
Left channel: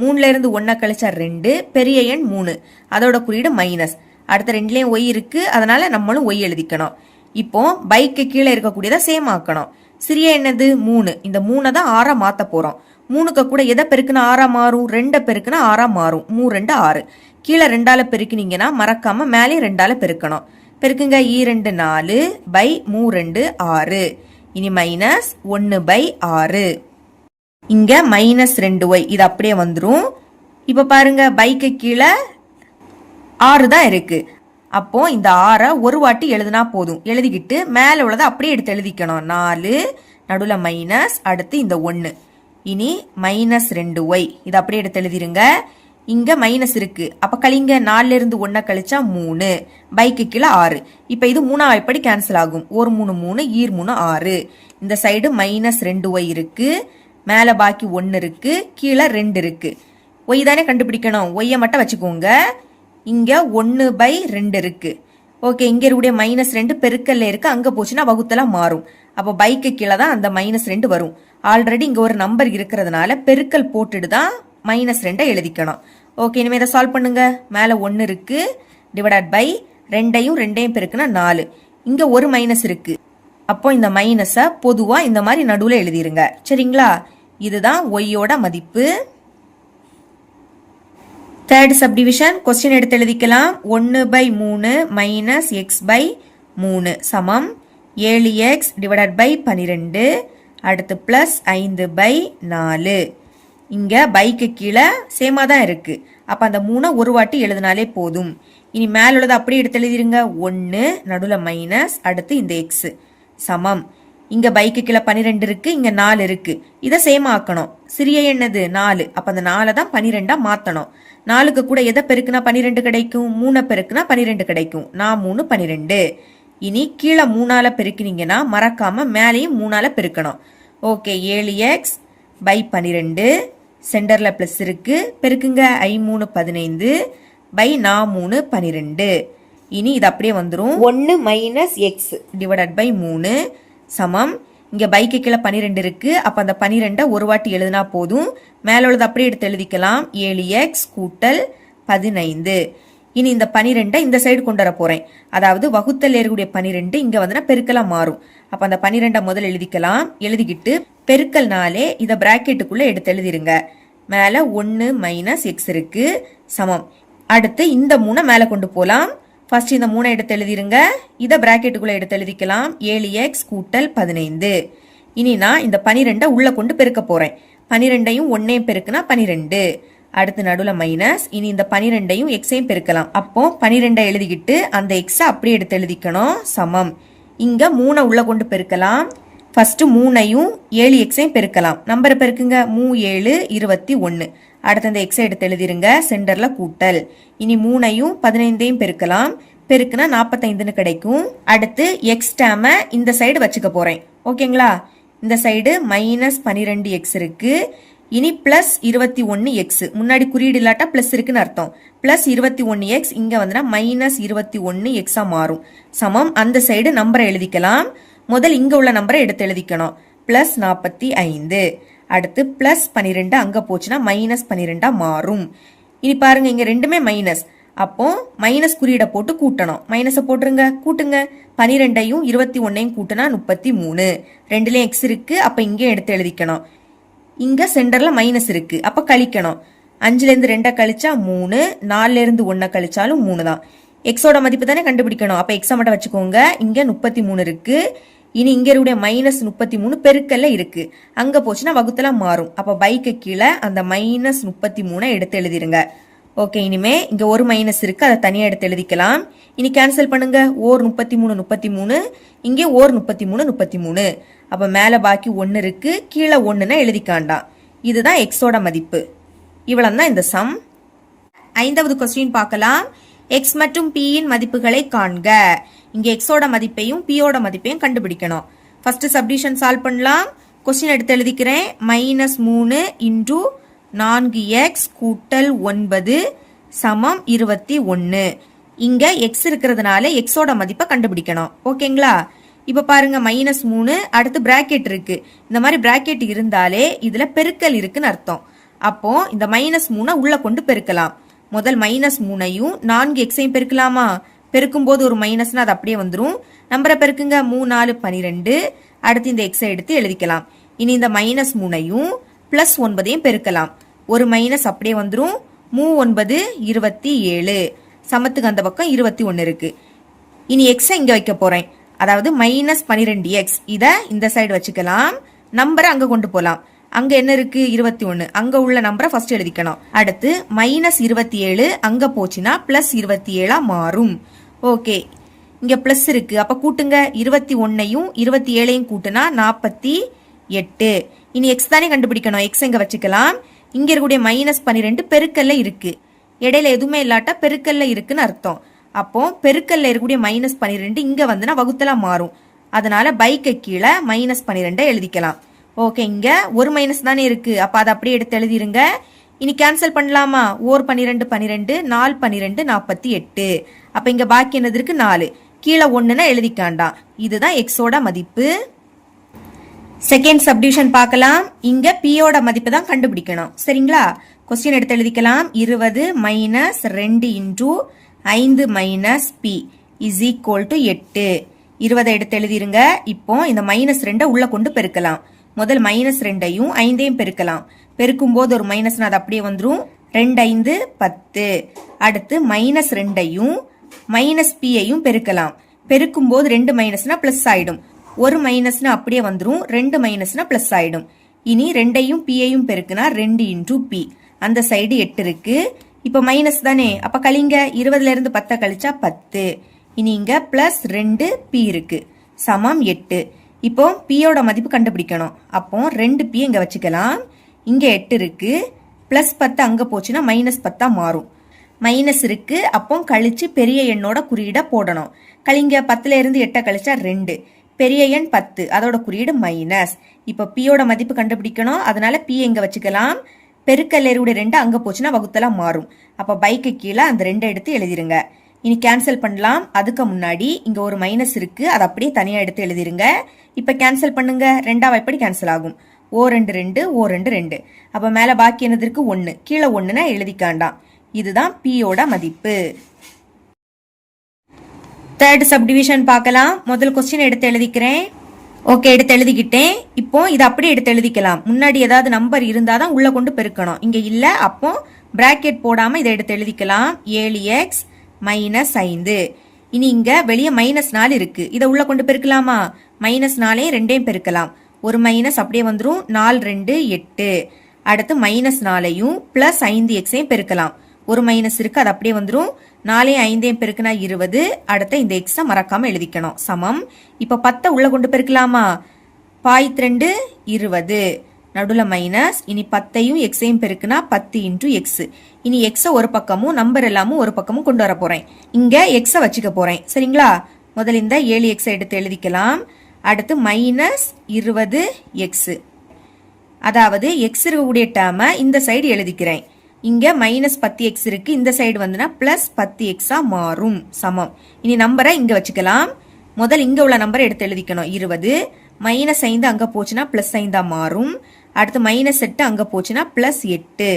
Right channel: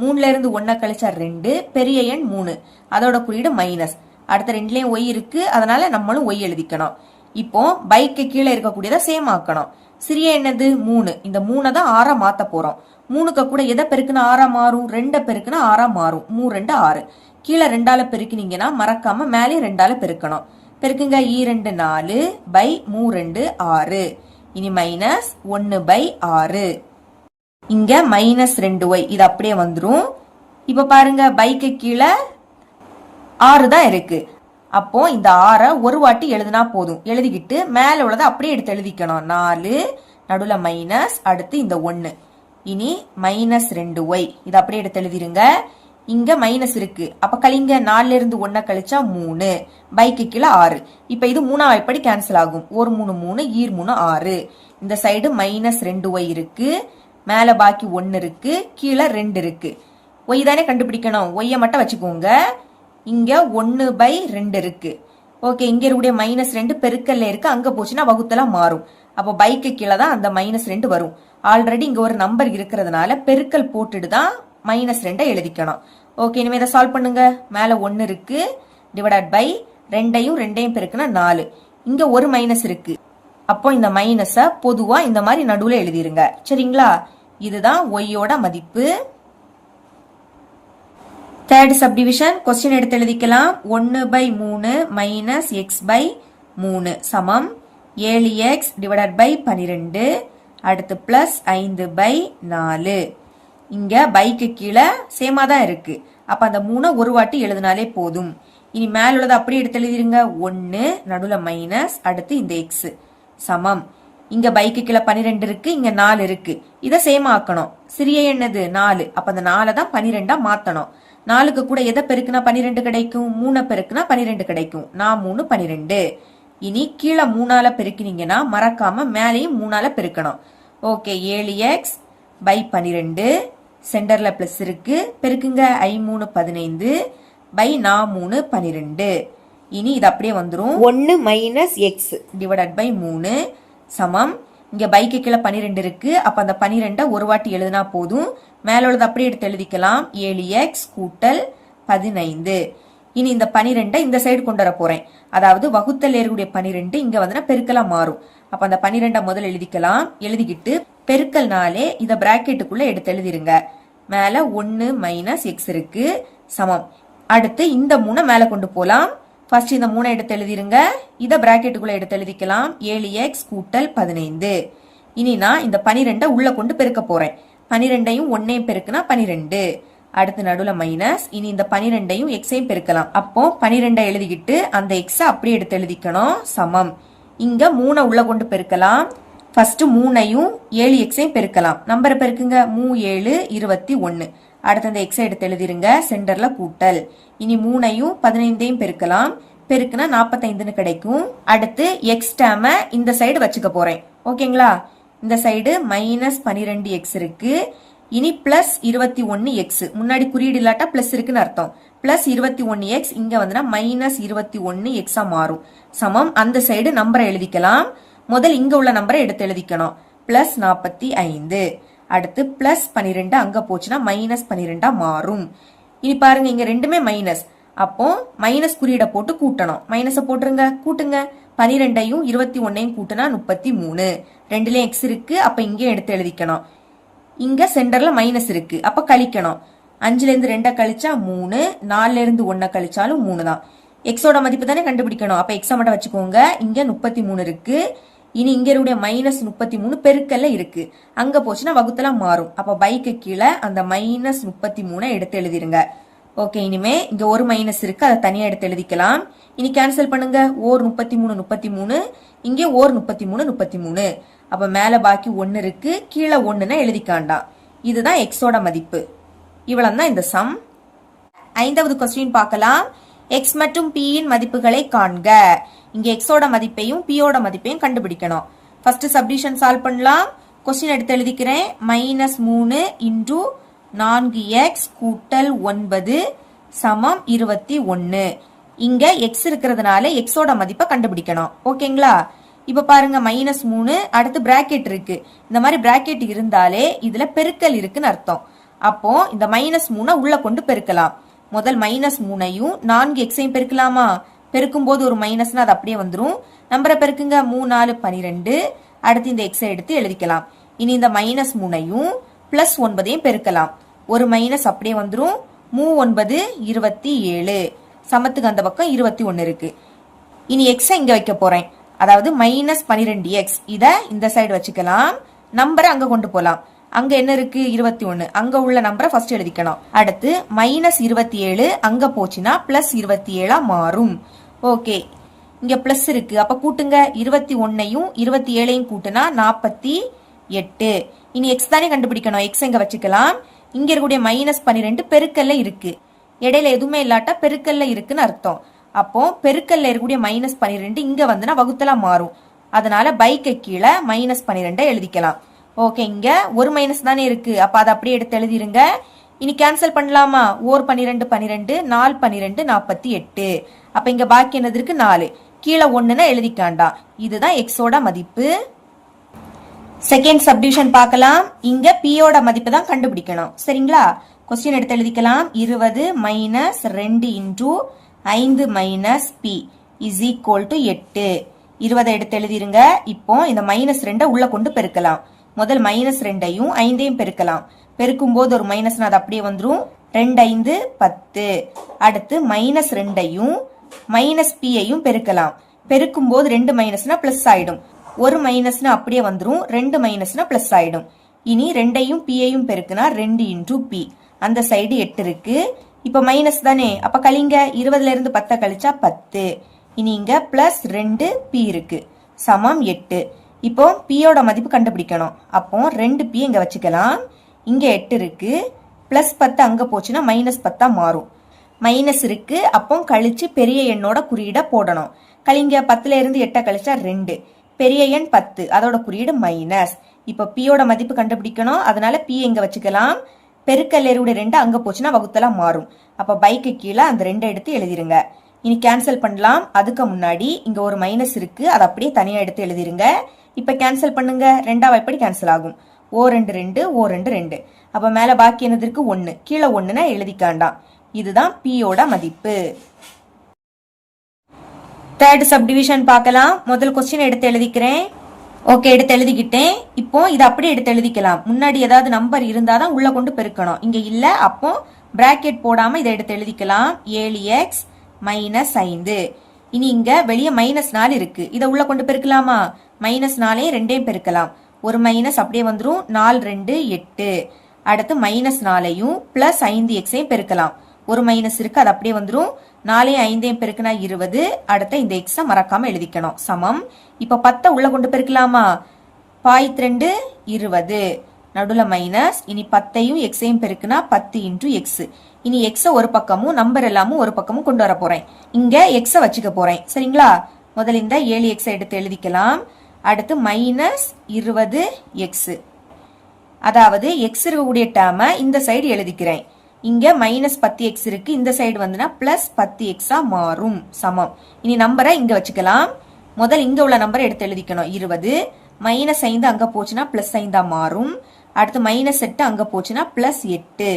3ல இருந்து 1 கழிச்சா 2, பெரிய எண் 3, அதோட குறியீடு மைனஸ். அடுத்த 2லயும் ஒய் இருக்கு, அதனால நம்மளும் ஒய் எழுதிக்கணும். இப்போ பைக்கு கீழே இருக்கக்கூடியதை சேம் ஆக்கணும். சிறிய என்னது? 3. இந்த 3 தான் 6 மாத்த போறோம். 3க்கு கூட எதை பெருக்குனா 6 மாறும்? 2 பெருக்குனா 6 மாறும். 3 2 6. கீழே 2ஆல பெருக்கினீங்கன்னா மறக்காம மேலே 2ஆல பெருக்கணும். பெருக்குங்க. 2 4 பை 3 6. இனி மைனஸ் 1/6. இங்க மைனஸ் 2y. இது அப்படியே வந்துரும். இப்ப பாருங்க, பைக்கு கீழே 6 தான் இருக்கு. அப்போ இந்த 6 ஒரு வாட்டி எழுதுனா போதும். எழுதிக்கிட்டு மேல உள்ளதை அப்படியே எடுத்து எழுதிக்கணும். 4 நடுவுல மைனஸ், அடுத்து இந்த 1. இனி மைனஸ் 2y. இது அப்படியே எடுத்து எழுதிருங்க. இங்க மைனஸ் இருக்கு, அப்ப கழிங்க. 4ல இருந்து 1 கழிச்சா 3, பைக்கு கீழே 6. இப்ப இது 3ஆம் வாய்ப்படி கேன்சல் ஆகும். 1 3 3, ஈர் 3 6. இந்த சைடு மைனஸ் 2y இருக்கு, மேல பாக்கி 1 இருக்கு, கீழே 2 இருக்கு. ஒய் தானே கண்டுபிடிக்கணும். ஒய்யை மட்டும் வச்சுக்கோங்க. இங்க 1/2 இருக்கு. ஓகே, இங்க இருக்கக்கூடிய மைனஸ் 2 பெருக்கல்ல இருக்கு, அங்க போச்சுன்னா வகுத்தல மாறும். அப்ப பைக்கு கீழே தான் அந்த மைனஸ் 2 வரும். ஆல்ரெடி இங்க ஒரு நம்பர் இருக்கிறதுனால பெருக்கல் போட்டுட்டு தான் மைனஸ் 2 எழுதிக்கணும். ஓகே, இனிமே இதை சால்வ் பண்ணுங்க. மேல 1 இருக்கு, டிவைடட் பை 2யும் 2யும் பெருக்குனா 4. இங்க ஒரு மைனஸ் இருக்கு, அப்போ இந்த மைனஸ பொதுவா இந்த மாதிரி நடுவுல எழுதிருங்க. சரிங்களா? இதுதான் ஒய்யோட மதிப்பு. தேர்ட் சப்டிவிஷன் கொஸ்டின் எடுத்து எழுதிக்கலாம். 1/3 மைனஸ் x/3 சமம் 7x டிவைடட் பை 12. அடுத்து பிளஸ் 5/4. இங்க பைக்கு கீழே சேமா தான் இருக்கு. அப்ப அந்த 3 ஒரு வாட்டி எழுதினாலே போதும். இனி மேல உள்ளதை அப்படியே எடுத்து எழுதிருங்க. 1 நடுவுல மைனஸ், அடுத்து இந்த எக்ஸ் சமம். இங்க பைக்கு கீழே 12 இருக்கு, இங்க 4 இருக்கு. இதை சேமா ஆக்கணும். சிறிய என்னது? 4. அப்ப அந்த 4 தான் 12ஆ மாத்தணும். 4க்கு கூட எதை பெருக்குனா 12 கிடைக்கும்? 3 பெருக்குனா 12 கிடைக்கும். 3 12. இனி கீழே 3ஆல பெருக்கினீங்கன்னா மறக்காம மேலையும் 3ஆல பெருக்கணும். Okay, 7x by 12. சென்டர்ல பிளஸ் இருக்கு, பெருக்குங்க. 3 15 பை 3 12. இனி இது அப்படியே வந்துரும். 1 மைனஸ் எக்ஸ் டிவைடட் பை 3 சமம். இங்க பைக்கு கீழே 12 இருக்கு, அப்ப அந்த 12 ஒரு வாட்டி எழுதினா போதும். மேல உள்ளது அப்படியே எடுத்து எழுதிக்கலாம். 7x கூட்டல் 15. இனி இந்த 12 இந்த சைடு கொண்டு வர போறேன். அதாவது வகுத்தல் ஏறக்கூடிய 12 இங்க வந்து பெருக்கலா மாறும். அப்ப அந்த 12 முதல் எழுதிக்கலாம். எழுதிக்கிட்டு பெருக்கல்னாலே இத பிராக்கெட்டுக்குள்ள எடுத்து எழுதிருங்க. மேல 1 மைனஸ் எக்ஸ் இருக்கு சமம். அடுத்து இந்த 3 மேல கொண்டு போலாம். ஃபர்ஸ்ட் இந்த 3 எடுத்து எழுதிருங்க. இத பிராக்கெட்டுக்குள்ள எடுத்து எழுதிக்கலாம். 7x கூட்டல் 15. இனி நான் இந்த 12 உள்ள கொண்டு பெருக்க போறேன். 12யும் 1ஐயும் பெருக்குனா 12. அடுத்து நடுவுல மைனஸ். இனி இந்த 12யும் எக்ஸையும் பெருக்கலாம். அப்போ 12 எழுதிக்கிட்டு அந்த எக்ஸ அப்படியே எடுத்து எழுதிக்கணும். சமம். இங்க 3 உள்ள கொண்டு பெருக்கலாம். ஃபர்ஸ்ட் 3ஐயும் 7xஐயும் பெருக்கலாம். நம்பரை பெருக்குங்க. 3 7 21. அடுத்து இந்த எக்ஸை எடுத்து எழுதிருங்க. சென்டர்ல கூட்டல். இனி 3ஐயும் 15ஐயும் பெருக்கலாம். பெருக்குனா 45ன்னு கிடைக்கும். அடுத்து எக்ஸ் டேம இந்த சைடு வச்சுக்க போறேன். ஓகேங்களா? இந்த சைடு மைனஸ் 12x இருக்கு. இனி பிளஸ் 21x. முன்னாடி குறியீடு இல்லாட்டா பிளஸ் இருக்குன்னு அர்த்தம். பிளஸ் 21x இங்க வந்து மைனஸ் 21x மாறும். சமம். அந்த சைடு நம்பரை எழுதிக்கலாம். முதல் இங்க உள்ள நம்பரை எடுத்து எழுதிக்கணும். பிளஸ் 45. அடுத்து பிளஸ் 12 அங்க போச்சுன்னா மைனஸ் 12 மாறும். இனி பாருங்க, இங்க ரெண்டுமே மைனஸ். அப்போ மைனஸ் குறியீட போட்டு கூட்டணும். மைனஸ போட்டுருங்க, கூட்டுங்க. 12ஐயும் 21ஐயும் கூட்டினா 33. ரெண்டுலயும் எக்ஸ் இருக்கு, அப்ப இங்கே எடுத்து எழுதிக்கணும். இங்க சென்டர்ல மைனஸ் இருக்கு, அப்ப கழிக்கணும். 5ல இருந்து 2 கழிச்சா 3, 4ல இருந்து 1 கழிச்சாலும் 3 தான். எக்ஸோட மதிப்பு தானே கண்டுபிடிக்கணும், அப்ப எக்ஸ மட்டும் வச்சுக்கோங்க. இங்க 33 இருக்கு. இனி இங்க இருக்க மைனஸ் 33 பெருக்கல்ல இருக்கு, அங்க போச்சுன்னா வகுத்தலாம் மாறும். அப்ப பைக்கு கீழே அந்த மைனஸ் 33 எடுத்து எழுதிருங்க. ஓகே, இனிமே இங்க ஒரு மைனஸ் இருக்கு, அதை தனியா எடுத்து எழுதிக்கலாம். இனி கேன்சல் பண்ணுங்க. ஓர் 33 33, இங்கே ஓர் 33 33. அப்ப மேல பாக்கி 1 இருக்கு, கீழே 1ன்னு எழுதிக்காண்டாம். இதுதான் எக்ஸோட மதிப்பு. இவ்வளவுதான் இந்த சம். 5வது கொஸ்டின் பார்க்கலாம். எக்ஸ் மற்றும் பி இன் மதிப்புகளை காண்க. இங்க எக்ஸோட மதிப்பையும் பியோட மதிப்பையும் கண்டுபிடிக்கணும். ஃபர்ஸ்ட் சப்டிவிஷன் சால்வ் பண்ணலாம். கொஸ்டின் எடுத்து எழுதிக்கிறேன். -3 இன்டு 4x கூட்டல் 9 சமம் 21. இங்க எக்ஸ் இருக்கிறதுனால எக்ஸோட மதிப்பை கண்டுபிடிக்கணும். ஓகேங்களா? இப்ப பாருங்க, -3 அடுத்து பிராக்கெட் இருக்கு. இந்த மாதிரி பிராக்கெட் இருந்தாலே இதுல பெருக்கல் இருக்குன்னு அர்த்தம். அப்போ இந்த -3 உள்ள கொண்டு பெருக்கலாம். முதல் -3ஐயும் 4xஐயும் பெருக்கலாமா? பெருக்கும் போது ஒரு மைனஸ்னா அது அப்படியே வந்துரும். நம்பரை பெருக்குங்க. 3 4 12. அடுத்து இந்த எக்ஸை எடுத்து எழுதிக்கலாம். இனி இந்த -3ஐயும் +9ஐயும் பெருக்கலாம். ஒரு மைனஸ் அப்படியே வந்துரும். 3 9 27. சமத்துக்கு அந்த பக்கம் 21 இருக்கு. இனி எக்ஸை இங்க வைக்க போறேன். அதாவது -12x. இத இந்த சைடு வச்சுக்கலாம். நம்பரை அங்க கொண்டு போலாம். அங்க என்ன இருக்கு? 21. அங்க உள்ள நம்பரை ஃபர்ஸ்ட் எழுதிக்கணும். அடுத்து -27 அங்க போச்சுன்னா +27 மாறும். ஓகே, இங்க பிளஸ் இருக்கு, அப்ப கூட்டுங்க. 21ஐயும் 27ஐயும் கூட்டுனா 48. இனி எக்ஸ் தானே கண்டுபிடிக்கணும். எக்ஸ் எங்க வச்சுக்கலாம். இங்க இருக்கக்கூடிய -12 பெருக்கல்ல இருக்கு. இடையில எதுவுமே இல்லாட்டா பெருக்கல்ல இருக்குன்னு அர்த்தம். அப்போ பெருக்கல்ல இருக்கக்கூடிய -12 இங்க வந்துன்னா வகுத்தலா மாறும். அதனால பைக்கு கீழே -12 எழுதிக்கலாம். ஓகே, இங்க ஒரு மைனஸ் தானே இருக்கு, அப்ப அதை அப்படியே எடுத்து எழுதிருங்க. இனி கேன்சல் பண்ணலாமா? ஓர் 12 12, 4 12 48. அப்ப இங்க பாக்கி என்னது இருக்கு? 4. கீழே 1ன்னு எழுதிக்காண்டா. இதுதான் எக்ஸோட மதிப்பு. செகண்ட் சப்டிவிஷன் பார்க்கலாம். இங்க பியோட மதிப்பு தான் கண்டுபிடிக்கணும். சரிங்களா? கொஸ்டின் எடுத்து எழுதிக்கலாம். 20 - 2 into 5 - p is equal to 8. 20 எடுத்து எழுதிருங்க. இப்போ இந்த -2 உள்ள கொண்டு பெருக்கலாம். முதல் -2ஐயும் 5ஐயும் பெருக்கலாம். பெருக்கும் போது ஒரு மைனஸ்னா அது அப்படியே வந்துரும். 2 5 10. அடுத்து -2ஐயும் -pஐயும் பெருக்கலாம். பெருக்கும் போது 2 மைனஸ்னா பிளஸ் ஆயிடும். ஒரு மைனஸ்னா அப்படியே வந்துரும். 2 மைனஸ்னா பிளஸ் ஆயிடும். இனி 2ஐயும் pஐயும் பெருக்குனா 2 இன்டு p. அந்த சைடு 8 இருக்கு. இப்ப மைனஸ் தானே, அப்ப கழிங்க. 20ல இருந்து 10 கழிச்சா 10. இனி இங்க +2 p இருக்கு, சமம் 8. இப்போ பியோட மதிப்பு கண்டுபிடிக்கணும். அப்போ 2p இங்க வச்சுக்கலாம். இங்க 8 இருக்கு, +10 அங்க போச்சுன்னா -10 மாறும். மைனஸ் இருக்கு, அப்போ கழிச்சு பெரிய எண்ணோட குறியீட போடணும். கழிங்க. 10ல இருந்து 8 கழிச்சா 2. பெரிய எண் 10, அதோட குறியீடு மைனஸ். இப்ப பியோட மதிப்பு கண்டுபிடிக்கணும். அதனால p இங்க வச்சுக்கலாம். பெருக்கல் 2 அங்க போச்சுன்னா வகுத்தலாம் மாறும். அப்ப பைக்கு கீழே அந்த 2 எடுத்து எழுதிருங்க. இனி கேன்சல் பண்ணலாம். அதுக்கு முன்னாடி இங்க ஒரு மைனஸ் இருக்கு, அதை அப்படியே தனியா எடுத்து எழுதிருங்க. இப்ப கேன்சல் பண்ணுங்க. 2 எப்படி கேன்சல் ஆகும்? ஓ 2 2, ஓ 2 2. அப்ப மேல பாக்கி என்னது இருக்கு? 1. கீழே 1ன்னு எழுதிக்காண்டாம். இதுதான் பியோட மதிப்பு. தேர்ட் சப்டிவிஷன் பார்க்கலாம். முதல் கொஸ்டின் எடுத்து எழுதிக்கிறேன். ஓகே, எடுத்து எழுதிக்கிட்டேன். இப்போ இதை அப்படியே எடுத்து எழுதிக்கலாம். முன்னாடி ஏதாவது நம்பர் இருந்தாதான் உள்ள கொண்டு பெருக்கணும். இங்க இல்ல, அப்போ பிராக்கெட் போடாம இதை எடுத்து எழுதிக்கலாம். 7x - 5. இனி இங்க வெளியே -4 இருக்கு, இதை உள்ள கொண்டு பெருக்கலாமா? -4 2ஐயும் பெருக்கலாம். ஒரு மைனஸ் அப்படியே வந்துரும். 4 2 8. அடுத்து -4ஐயும் +5xஐயும் பெருக்கலாம். ஒரு மைனஸ் இருக்கு, அது அப்படியே வந்துரும். 4 5ஐயும் பெருக்குனா 20. அடுத்த இந்த எக்ஸை மறக்காம எழுதிக்கணும். சமம். இப்ப 10 உள்ள கொண்டு பெருக்கலாமா? 2 20. நடுல மைனஸ். இனி 10ஐயும் எக்ஸையும் பெருக்குனா 10 இன்டு எக்ஸ். இனி எக்ஸ ஒரு பக்கமும் நம்பர் எல்லாமும் ஒரு பக்கமும் கொண்டு வர போறேன். இங்க எக்ஸ வச்சுக்க போறேன். சரிங்களா? முதல்ல இந்த 7x எடுத்து எழுதிக்கலாம். அடுத்து -20x. அதாவது எக்ஸ் இருக்கக்கூடிய டேர்மை இந்த சைடு எழுதிக்கிறேன். இங்க -10x இருக்கு, இந்த சைடு வந்துனா +10x மாறும். சமம். இனி நம்பரை இங்க வச்சுக்கலாம். முதல் இங்க உள்ள நம்பரை எடுத்து எழுதிக்கணும். 20 -5 அங்க போச்சுன்னா +5 மாறும். அடுத்து -8 அங்க போச்சுன்னா +8.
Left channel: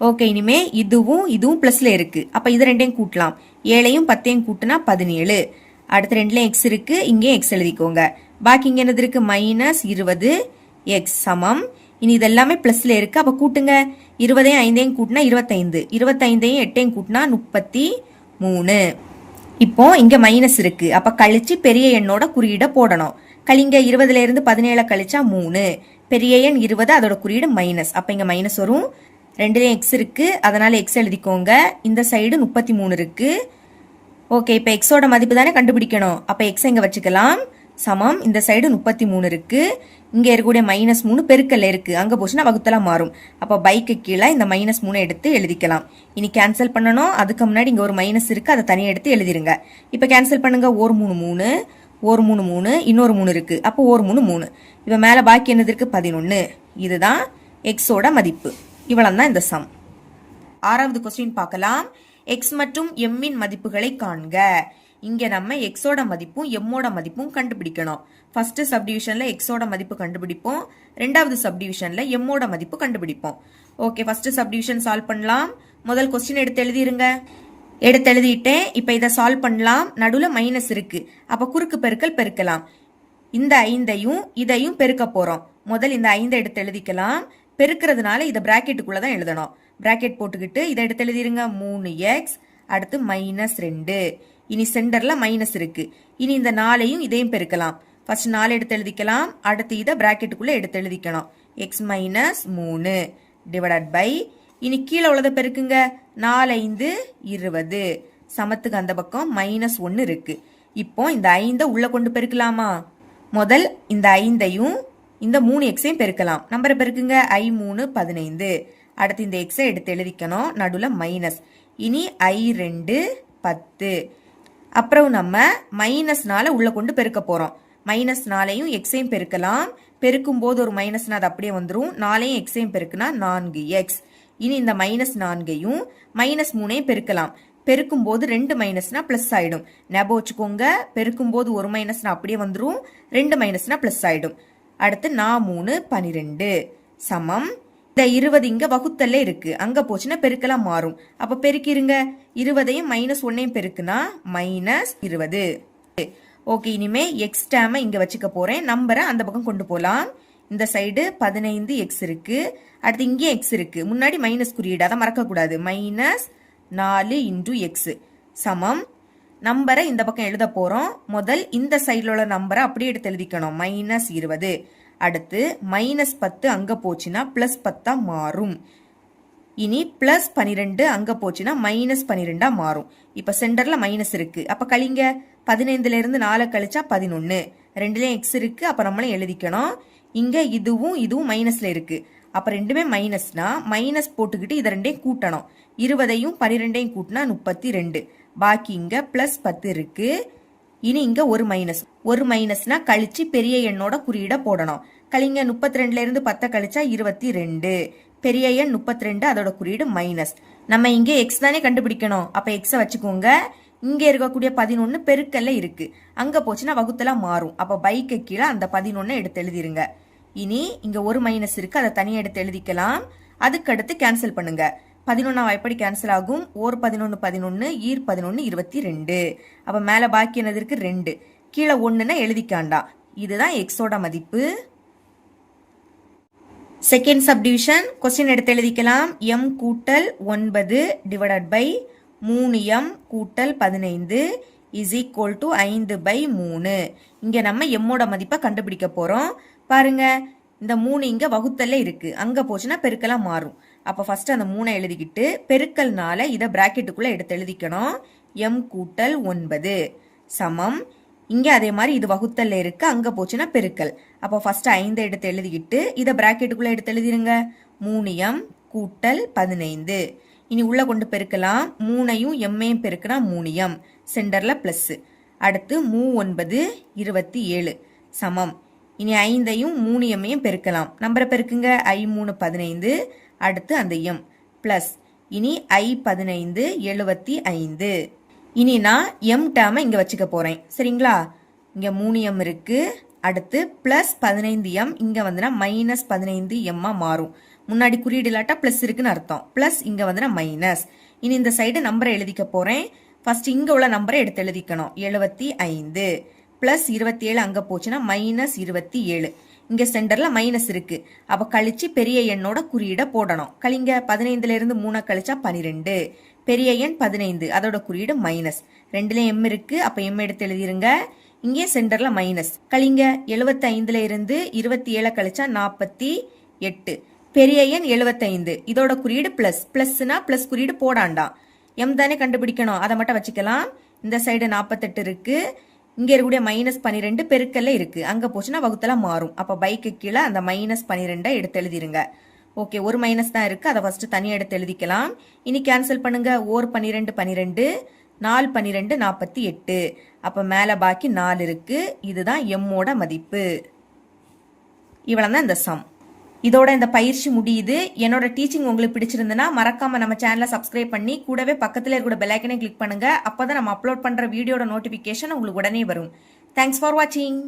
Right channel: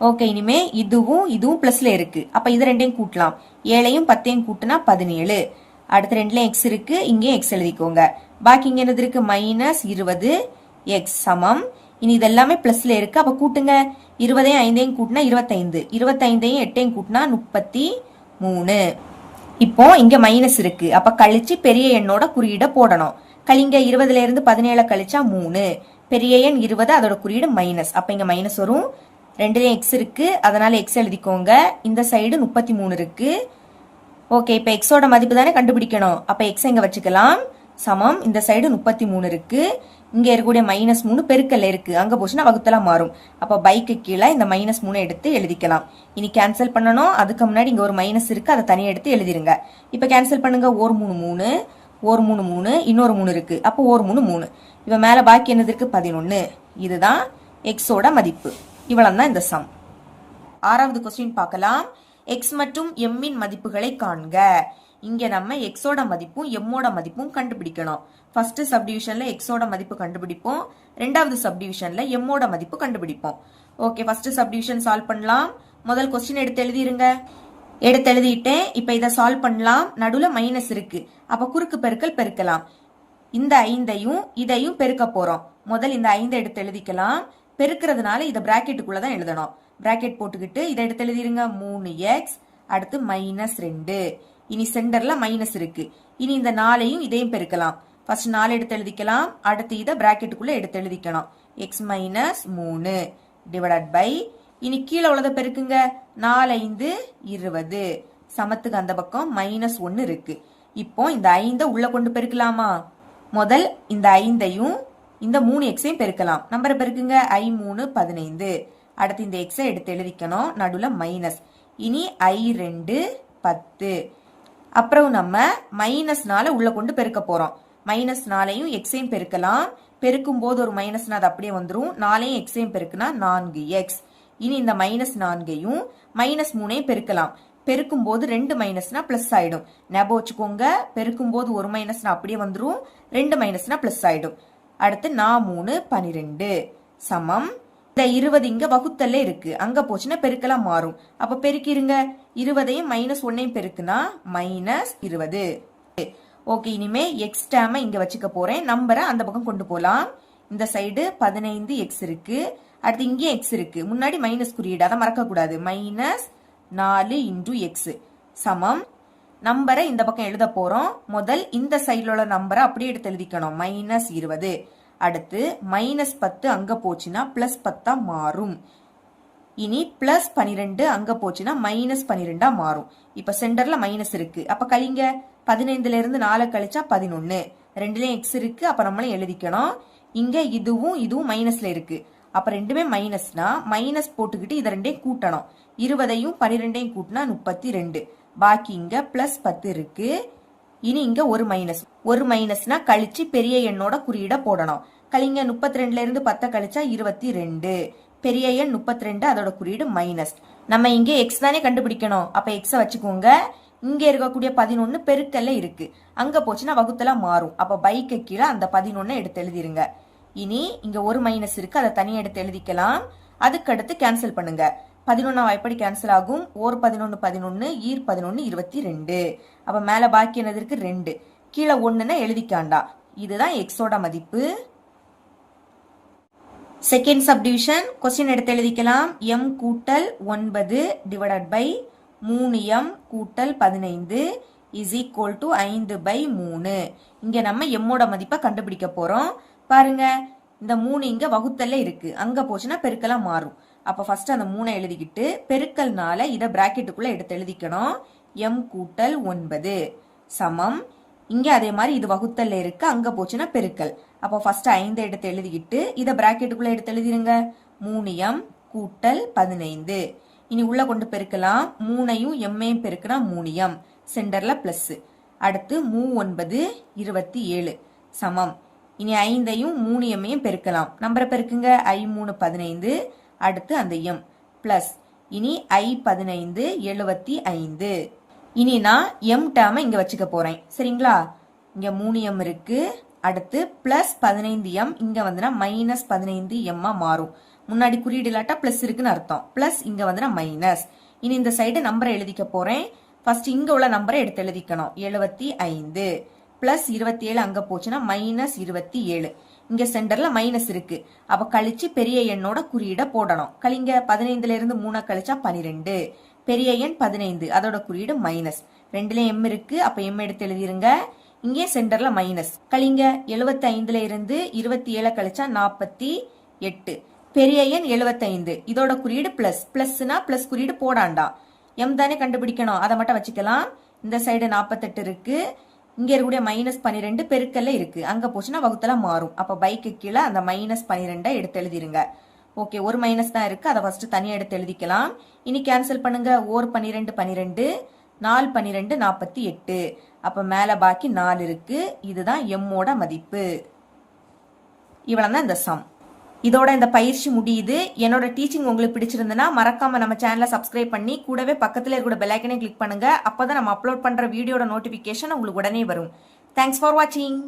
ஓகே, இனிமே இதுவும் பிளஸ்ல இருக்கு. அப்ப இது ரெண்டையும் கூட்டலாம். 7ஐயும் 10ஐயும் கூட்டினா 17. அடுத்து 2லயும் எக்ஸ் இருக்கு, இங்கேயும் எக்ஸ் எழுதிக்கோங்க. பாக்கி இங்க என்னது இருக்கு? -20x சமம். இனி இது எல்லாமே பிளஸ்ல இருக்கு. அப்ப கூட்டுங்க. 20ஐயும் 5ஐயும் கூட்டினா 25, 25ஐயும் 8ஐயும் கூட்டினா 33. இப்போ இங்க மைனஸ் இருக்கு. அப்ப கழிச்சு பெரிய எண்ணோட குறியீட போடணும். கழிங்க. 20ல இருந்து 17 கழிச்சா 3. பெரிய எண் 20, அதோட குறியீடு மைனஸ். அப்ப இங்க மைனஸ் வரும். ரெண்டுலயும் எக்ஸ் இருக்கு, அதனால எக்ஸ் எழுதிக்கோங்க. இந்த சைடு 33 இருக்கு. ஓகே, இப்ப எக்ஸோட மதிப்பு தானே கண்டுபிடிக்கணும். அப்ப எக்ஸ் இங்க வச்சுக்கலாம். சமம் இந்த சைடு 33 இருக்கு. இங்க இருக்கக்கூடிய -3 பெருக்கல்ல இருக்கு. அங்க போச்சுன்னா வகுத்தலா மாறும். அப்ப பைக்கு கீழே இந்த -3 எடுத்து எழுதிக்கலாம். இனி கேன்சல் பண்ணணும். அதுக்கு முன்னாடி இங்க ஒரு மைனஸ் இருக்கு, அதை தனியா எடுத்து எழுதிருங்க. இப்ப கேன்சல் பண்ணுங்க. 1 3 3, 1 3 3, இன்னொரு 3 இருக்கு. அப்போ 1 3 3. இப்ப மேல பாக்கி என்னது இருக்கு? 11. இதுதான் எக்ஸோட மதிப்பு. இவ்வளவு தான் இந்த சம். ஆறாவது கொஸ்டின் பார்க்கலாம். எக்ஸ் மற்றும் எம்மின் மதிப்புகளை காண்க. இங்க நம்ம எக்ஸோட மதிப்பும் எம்மோட மதிப்பும் கண்டுபிடிக்கணும். ஃபர்ஸ்ட் சப்டிவிஷன்ல எக்ஸோட மதிப்பு கண்டுபிடிப்போம். ரெண்டாவது சப்டிவிஷன்ல எம்மோட மதிப்பு கண்டுபிடிப்போம். ஓகே, ஃபர்ஸ்ட் சப்டிவிஷன் சால்வ் பண்ணலாம். முதல் கொஸ்டின் எடுத்து எழுதிருங்க. எடுத்து எழுதிட்டேன். இப்ப இதை சால்வ் பண்ணலாம். நடுவுல மைனஸ் இருக்கு. அப்ப குறுக்கு பெருக்கல் பெருக்கலாம். இந்த 5ஐயும் இதையும் பெருக்க போறோம். முதல் இந்த 5 எடுத்து எழுதிக்கலாம். பெருக்கிறதுனால இதை பிராக்கெட்டுக்குள்ள தான் எழுதணும். பிராக்கெட் போட்டுக்கிட்டு இதை எடுத்து எழுதிருங்க. 3x, அடுத்து -2. இனி சென்டர்ல மைனஸ் இருக்கு. இனி இந்த 4ஐயும் இதையும் பெருக்கலாம். ஃபர்ஸ்ட் 4 எடுத்து எழுதிக்கலாம். அடுத்து இதை பிராக்கெட்டுக்குள்ள எடுத்து எழுதிக்கணும். x - 3 டிவைடட் பை, இனி கீழே உள்ளதை பெருக்குங்க. 4 5 20. சமத்துக்கு அந்த பக்கம் -1 இருக்கு. இப்போ இந்த 5 உள்ள கொண்டு பெருக்கலாமா? முதல் இந்த 5ஐயும் இந்த 3xஐயும் பெருக்கலாம். நம்பரை பெருக்குங்க. i3 15. அடுத்து இந்த எக்ஸை எடுத்து எழுதிக்கணும். நடுவுல மைனஸ். இனி i2 10. அப்புறம் நம்ம -4 உள்ள கொண்டு பெருக்க போறோம். -4ஐயும் எக்ஸையும் பெருக்கலாம். பெருக்கும் போது ஒரு மைனஸ் அது அப்படியே வந்துடும். 4ஐயும் எக்ஸையும் பெருக்குனா 4x. இனி இந்த -4ஐயும் -3ஐயும் பெருக்கலாம். பெருக்கும் போது 2 மைனஸ்னா பிளஸ் ஆயிடும். ஞாபகம் வச்சுக்கோங்க. பெருக்கும் போது ஒரு மைனஸ்னா அப்படியே வந்துடும். 2 மைனஸ்னா பிளஸ் ஆயிடும். அடுத்து 3 12 சமம். இந்த 20 இங்க வகுத்தல்ல இருக்கு. அங்க போச்சுன்னா பெருக்கலா மாறும். அப்ப பெருக்கிருங்க. 20ஐயும் -1ஐயும் பெருக்குனா -20. ஓகே, இனிமே எக்ஸ் டேமை இங்க வச்சுக்க போறேன். நம்பரை அந்த பக்கம் கொண்டு போலாம். இந்த சைடு 15x இருக்கு. அடுத்து இங்கே எக்ஸ் இருக்கு. முன்னாடி மைனஸ் குறியீடு, அதை மறக்க கூடாது. -4 × x சமம். நம்பரை இந்த பக்கம் எழுத போறோம். முதல் இந்த சைடுல உள்ள நம்பரை அப்படியே எடுத்து எழுதிக்கணும். -20. அடுத்து -10 அங்க போச்சுன்னா +10 மாறும். இனி +12 அங்க போச்சுன்னா -12 மாறும். இப்ப சென்டர்ல மைனஸ் இருக்கு. அப்ப கழிங்க. 15ல இருந்து 4 கழிச்சா 11. ரெண்டுலயும் எக்ஸ் இருக்கு. அப்ப நம்மளும் எழுதிக்கணும். இங்க இதுவும் மைனஸ்ல இருக்கு. அப்ப ரெண்டுமே மைனஸ்னா மைனஸ் போட்டுக்கிட்டு இதை ரெண்டையும் கூட்டணும். 20ஐயும் 12ஐயும் கூட்டினா 32. பாக்கி இங்க +10 இருக்கு. இனி இங்க ஒரு மைனஸ்னா கழிச்சு பெரிய எண்ணோட குறியீட போடணும். கழிங்க. 32ல இருந்து 10 கழிச்சா 22. பெரிய எண் 32, அதோட குறியீடு மைனஸ். நம்ம இங்க எக்ஸ் தானே கண்டுபிடிக்கணும். அப்ப எக்ஸ வச்சுக்கோங்க. இங்க இருக்கக்கூடிய 11 பெருக்கல்ல இருக்கு. அங்க போச்சுன்னா வகுத்தலா மாறும். அப்ப பைக்கு கீழே அந்த 11 எடுத்து எழுதிருங்க. இனி இங்க ஒரு மைனஸ் இருக்கு, அதை தனியா எடுத்து எழுதிக்கலாம். அதுக்கு அடுத்து கேன்சல் பண்ணுங்க. 11 எப்படி கேன்சல் ஆகும்? ஓர் 11 11, ஈர் 11 22. அப்ப மேல பாக்கி என்னது இருக்கு? 2. கீழே 1ன்னா எழுதிக்காண்டா. இதுதான் எக்ஸோட மதிப்பு. செகண்ட் சப்டிவிஷன் கொஸ்டின் எடுத்து எழுதிக்கலாம். m கூட்டல் 9 டிவைடட் பை 3m கூட்டல் 15 இஸ் ஈக்குவல் டு 5/3. இங்க நம்ம எம்மோட மதிப்பை கண்டுபிடிக்க போறோம். பாருங்க, இந்த 3 இங்க வகுத்தல்ல இருக்கு. அங்க போச்சுன்னா பெருக்கலா மாறும். அப்ப ஃபர்ஸ்ட் அந்த 3 எழுதிக்கிட்டு பெருக்கல்னால இதை பிராக்கெட்டுக்குள்ள எடுத்து எழுதிக்கணும். m கூட்டல் 9 சமம். இங்க அதே மாதிரி இது வகுத்தல்ல இருக்கு. அங்க போச்சுன்னா பெருக்கல். அப்போ ஃபர்ஸ்ட் 5 எடுத்து எழுதிக்கிட்டு இதை பிராக்கெட்டுக்குள்ள எடுத்து எழுதிருங்க. 3m கூட்டல் 15. இனி உள்ள கொண்டு பெருக்கலாம். 3ஐயும் m-ஐயும் பெருக்கினா 3m. சென்டர்ல பிளஸ். அடுத்து 3 9 27 சமம். இனி 5ஐயும் 3m-ஐயும் பெருக்கலாம். நம்பரை பெருக்குங்க. i3 15. அடுத்து அந்த m பிளஸ். இனி i15 75. இனி நான் m டேர்மை இங்க வச்சுக்க போறேன். சரிங்களா? இங்க 3m இருக்கு. அடுத்து பிளஸ் 15m இங்க வந்துனா -15m மாறும். முன்னாடி குறியீடு இல்லாட்டா பிளஸ் இருக்குன்னு அர்த்தம். பிளஸ் இங்க வந்துனா மைனஸ். இனி இந்த சைடு நம்பரை எழுதிக்க போறேன். ஃபர்ஸ்ட் இங்க உள்ள நம்பரை எடுத்து எழுதிக்கணும். 75 பிளஸ் 27 அங்க போச்சுன்னா -27. இங்க சென்டர்ல மைனஸ் இருக்கு. அப்ப கழிச்சு பெரிய எண்ணோட குறியீட போடணும். கழிங்க 15ல இருந்து 3 கழிச்சா 12. பெரிய எண் 15, அதோட குறியீடு மைனஸ். 2ல எம் இருக்கு, அப்ப எம் எடுத்து எழுதிருங்க. இங்கே சென்டர்ல மைனஸ். கழிங்க 75ல இருந்து 27 கழிச்சா 48. பெரிய எண் 75, இதோட குறியீடு பிளஸ். பிளஸ்னா பிளஸ் குறியீடு போடாண்டாம். எம் தானே கண்டுபிடிக்கணும், அதை மட்டும் வச்சுக்கலாம். இந்த சைடு 48 இருக்கு. இங்க இருக்கக்கூடிய -12 பெருக்கல்ல இருக்கு. அங்க போச்சுன்னா வகுத்தல மாறும். அப்ப பைக்கு கீழே அந்த -12 எடுத்து எழுதிருங்க. ஓகே, ஒரு மைனஸ் தான் இருக்கு, அதை ஃபர்ஸ்ட் தனியா எடுத்து எழுதிக்கலாம். இனி கேன்சல் பண்ணுங்க. ஓர் 12 12, 4 12 48. அப்ப மேல பாக்கி 4 இருக்கு. இதுதான் எம்மோட மதிப்பு. இவ்வளவுதான் இந்த சம். இதோட இந்த பயிற்சி முடியுது. என்னோட டீச்சிங் உங்களுக்கு பிடிச்சிருந்ததுன்னா மறக்காம நம்ம சேனலை சப்ஸ்கிரைப் பண்ணி கூடவே பக்கத்துல இருக்கிற பெல் ஐக்கனை கிளிக் பண்ணுங்க. அப்பதான் நம்ம அப்லோட் பண்ற வீடியோட நோட்டிபிகேஷன் உங்களுக்கு உடனே வரும். தேங்க்ஸ் ஃபார் வாட்சிங்.